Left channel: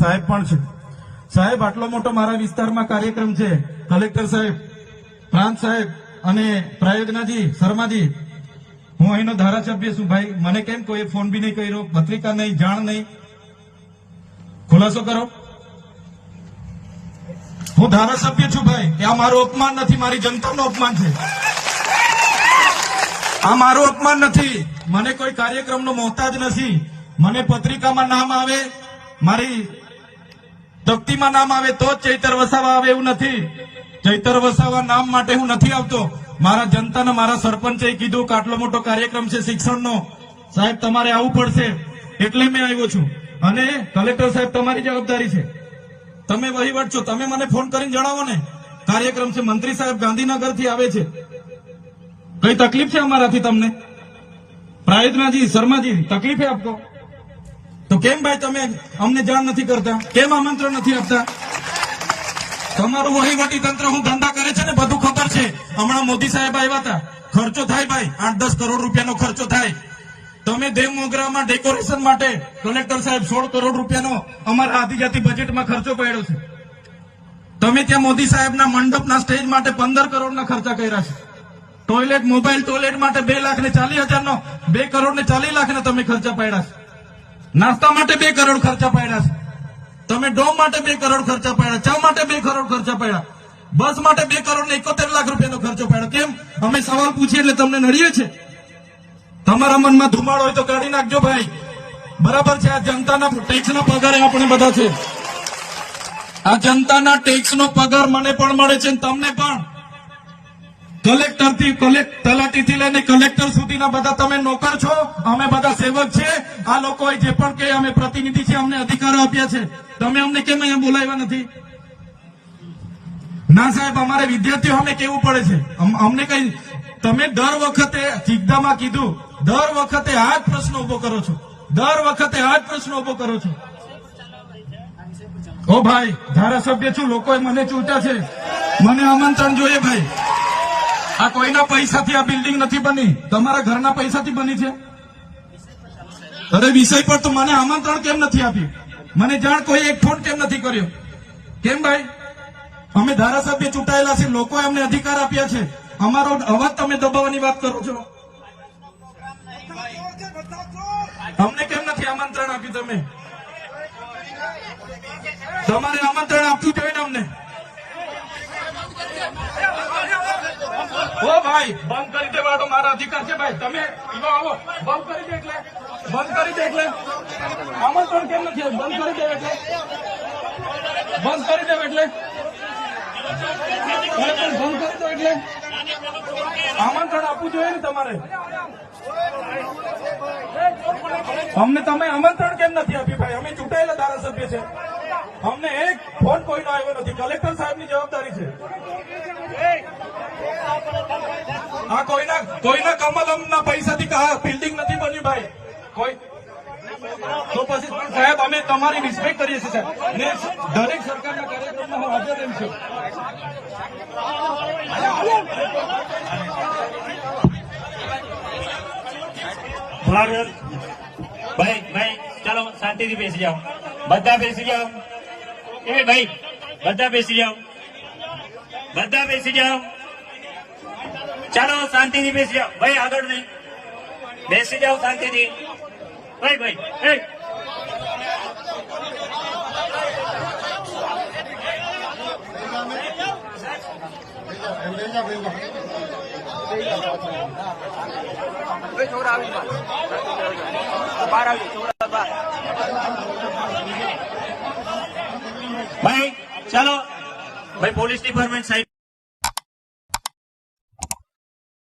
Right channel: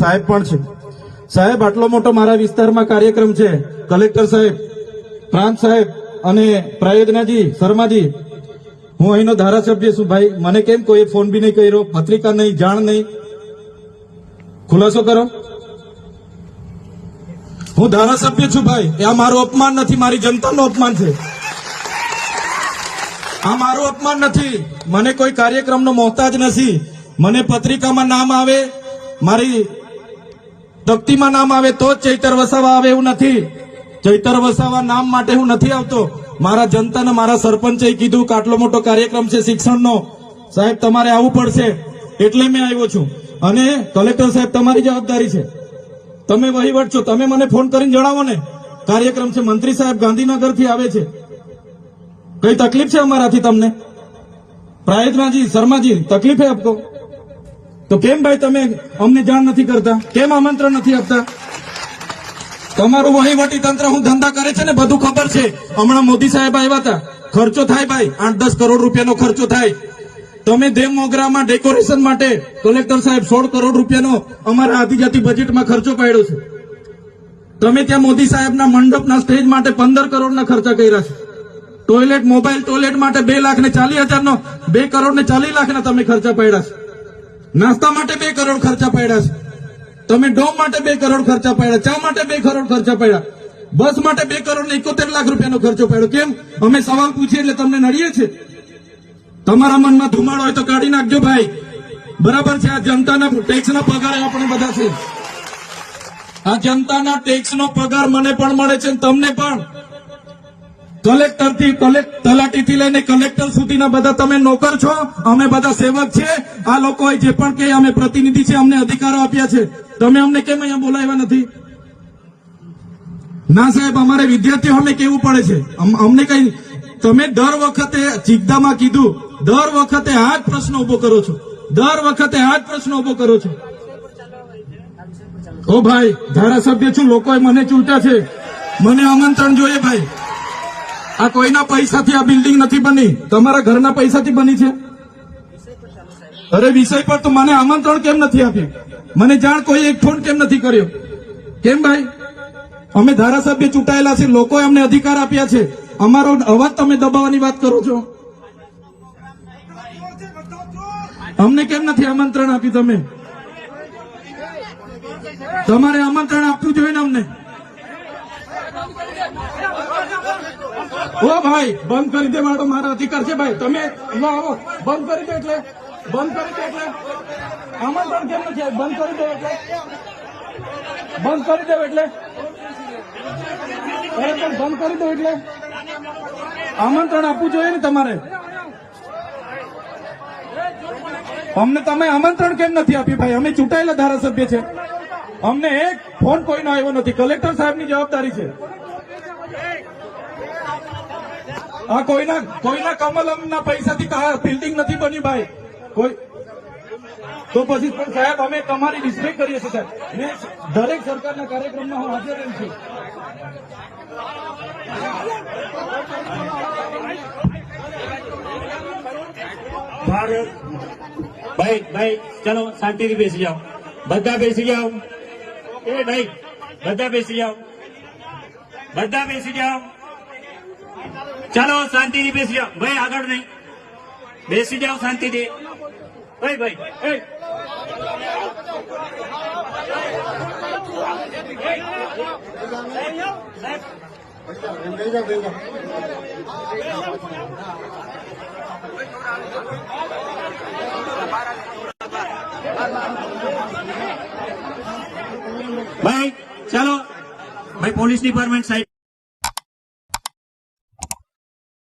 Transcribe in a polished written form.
સાહેબ પણ છે. સાહેબ આટલો મોટો મારા વિસ્તારમાં કાર્યક્રમ છે. કલેક્ટર સાહેબ, પ્રાંત સાહેબ અને પ્રાયોજનાજી શર્માજી, હું અહીંનો ધારાસભ્ય છું ભાઈ. મને કેમ કોઈ ફોન બી નહીં કર્યો, પત્રિકા નહીં, જાણ નહીં, ખુલાસો કરો. હું ધારાસભ્ય છું ભાઈ. આ મારું અપમાન નથી, મારી જનતાનું અપમાન છે. આ મારું અપમાન નથી. મને કોઈ કાર્યક્રમનો મોહતાજ નથી. મને પત્રિકામાં નામ આવે, મારી તકતીમાં નામ આવે તો જ ચૈતર વસાવા આવે એવું નથી. ચૈતર વસાવા નામ માટે હું નથી આવતો. મારા જનતાને મારા સરપંચે કીધું કે આટલો મોટો કાર્યક્રમ છે શિક્ષણનો, સાહેબ તમારે આવવું પડશે, એટલે મેં આવ્યો છું. અને કલેક્ટર સાહેબ તમારી જવાબદારી છે, તમે વહીવટ છો, તમે મને ફોન કરીને જણાવો ને કાર્યક્રમ છે. મંત્રી સાહેબ ગાંધીનગરથી આવે છે, કઈ તકલીફ છે અમારાથી તમને? પ્રાયોજનાજી શર્માજી તકલીફ આપતો તો કેમ ભાઈ તમે અમને જાણ નથી કરતા? કેમ આમંત્રણ નથી આપતા? તમારું વહીવટી તંત્ર હું ધંધા કરે છે ને બધું ખબર છે. હમણાં મોદી સાહેબ આવ્યા હતા, ખર્ચો થાય ભાઈ, 8-10 કરોડ રૂપિયાનો ખર્ચો થાય. તમે દેવ મોગરામાં ડેકોરેશન માટે કલેક્ટર સાહેબ 16 કરોડ રૂપિયાનો અમારા આદિજાતિ બજેટમાં ખર્ચો પાડ્યો છે. તમે ત્યાં મોદી સાહેબના મંડપના સ્ટેજ માટે 15 કરોડના ખર્ચા કર્યા છે. ટોયલેટ, મોબાઈલ ટોયલેટ માટે 2,40,000નો 2 કરોડ ને 40 લાખના તમે ખર્ચા પાડ્યા છે. નાસ્તા માટે 2 કરોડ ખર્ચા પાડ્યા છે. તમે ડોમ માટે 2 કરોડ ખર્ચા પાડ્યા, ચા માટે 2 કરોડ ખર્ચા પાડ્યા, બસ માટે 2 કરોડ ને 71 લાખ રૂપિયાનો ખર્ચો પાડ્યો. કેમ? અમે સવાલ પૂછીએ એટલે તમને નડીએ છે? તમારા મનમાં ધુમાડો હોય તો કાઢી નાખજો ભાઈ. બરાબર છે, આ જનતાના ટેક્સના પગારે આપણે બધા છે. આ જનતાના ટેક્સનો પગાર મને પણ મળે છે, તમને પણ. કલેક્ટરથી તલાટીથી લઈને કલેક્ટર સુધીના બધા તમે નોકર છો, અમે બધા સેવક છે. આ લોકો જે પણ કે અમે પ્રતિનિધિ છે, અમને અધિકારો આપ્યા છે. તમે અમને કેમ અહીંયા બોલાવ્યા નથી? ના સાહેબ, અમારે વિદ્યાર્થીઓ અમે કેવું પડે છે. અમને કઈ, તમે દર વખતે ચિકદામાં કીધું, દર વખતે આ જ પ્રશ્ન ઉભો કરો છો, દર વખતે આ જ પ્રશ્ન ઉભો કરો છો. ઓ ભાઈ, ધારાસભ્ય છું, લોકોએ મને ચૂંટા છે, મને આમંત્રણ જોઈએ ભાઈ. આ કોઈના પૈસાથી આ બિલ્ડિંગ નથી બની, તમારા ઘરના પૈસાથી બની છે. અરે વિષય પર તો મને આમંત્રણ કેમ નથી આપ્યું? મને જાણ કોઈ એક ફોન કેમ નથી કર્યો? કેમ ભાઈ? અમે ધારાસભ્ય ચૂંટાયેલા છે, લોકોએ અમને અધિકાર આપ્યા છે, અમારો અવાજ તમે દબાવવાની વાત કરો છો. અમને કેમ નથી આમંત્રણ આપ્યું? તમે તમારે આમંત્રણ આપવું જોઈએ ને અમને. ઓ ભાઈ, બંધ કરી દેવાડો, મારા અધિકાર છે ભાઈ. તમે આવો, બંધ કરી દે એટલે, બંધ કરી દે એટલે આમંત્રણ કેમ નથી? બંધ કરી દે એટલે, બંધ કરી દે એટલે, પણ બંધ કરી દો એટલે આમંત્રણ આપવું જોઈએ ને તમારે. અમને તમે આમંત્રણ કેમ નથી આપ્યું ભાઈ? અમે ચૂંટાયેલા ધારાસભ્ય છે, અમને એક ફોન કોઈનો આવ્યો નથી. કલેક્ટર સાહેબની જવાબદારી છે. આ કોઈના કમલમના પૈસાથી બિલ્ડિંગ નથી બની ભાઈ. કોઈ તો પછી પણ સાહેબ અમે તમારી રિસ્પેક્ટ કરીએ છીએ સાહેબ, ને દરેક સરકારના કાર્યક્રમમાં હું હાજર રહી છું. ભાઈ ચલો શાંતિથી બેસી જાઓ, બધા બેસી જાઓ. એ ભાઈ બધા બેસી જાઓ, બધા બેસી જાઓ. ચાલો શાંતિથી બેસી જાઓ ભાઈ, આગળ નહીં, બેસી જાઓ શાંતિથી. ભાઈ ભાઈ ચલો ભાઈ, પોલીસ ડિપાર્ટમેન્ટ સાહેબ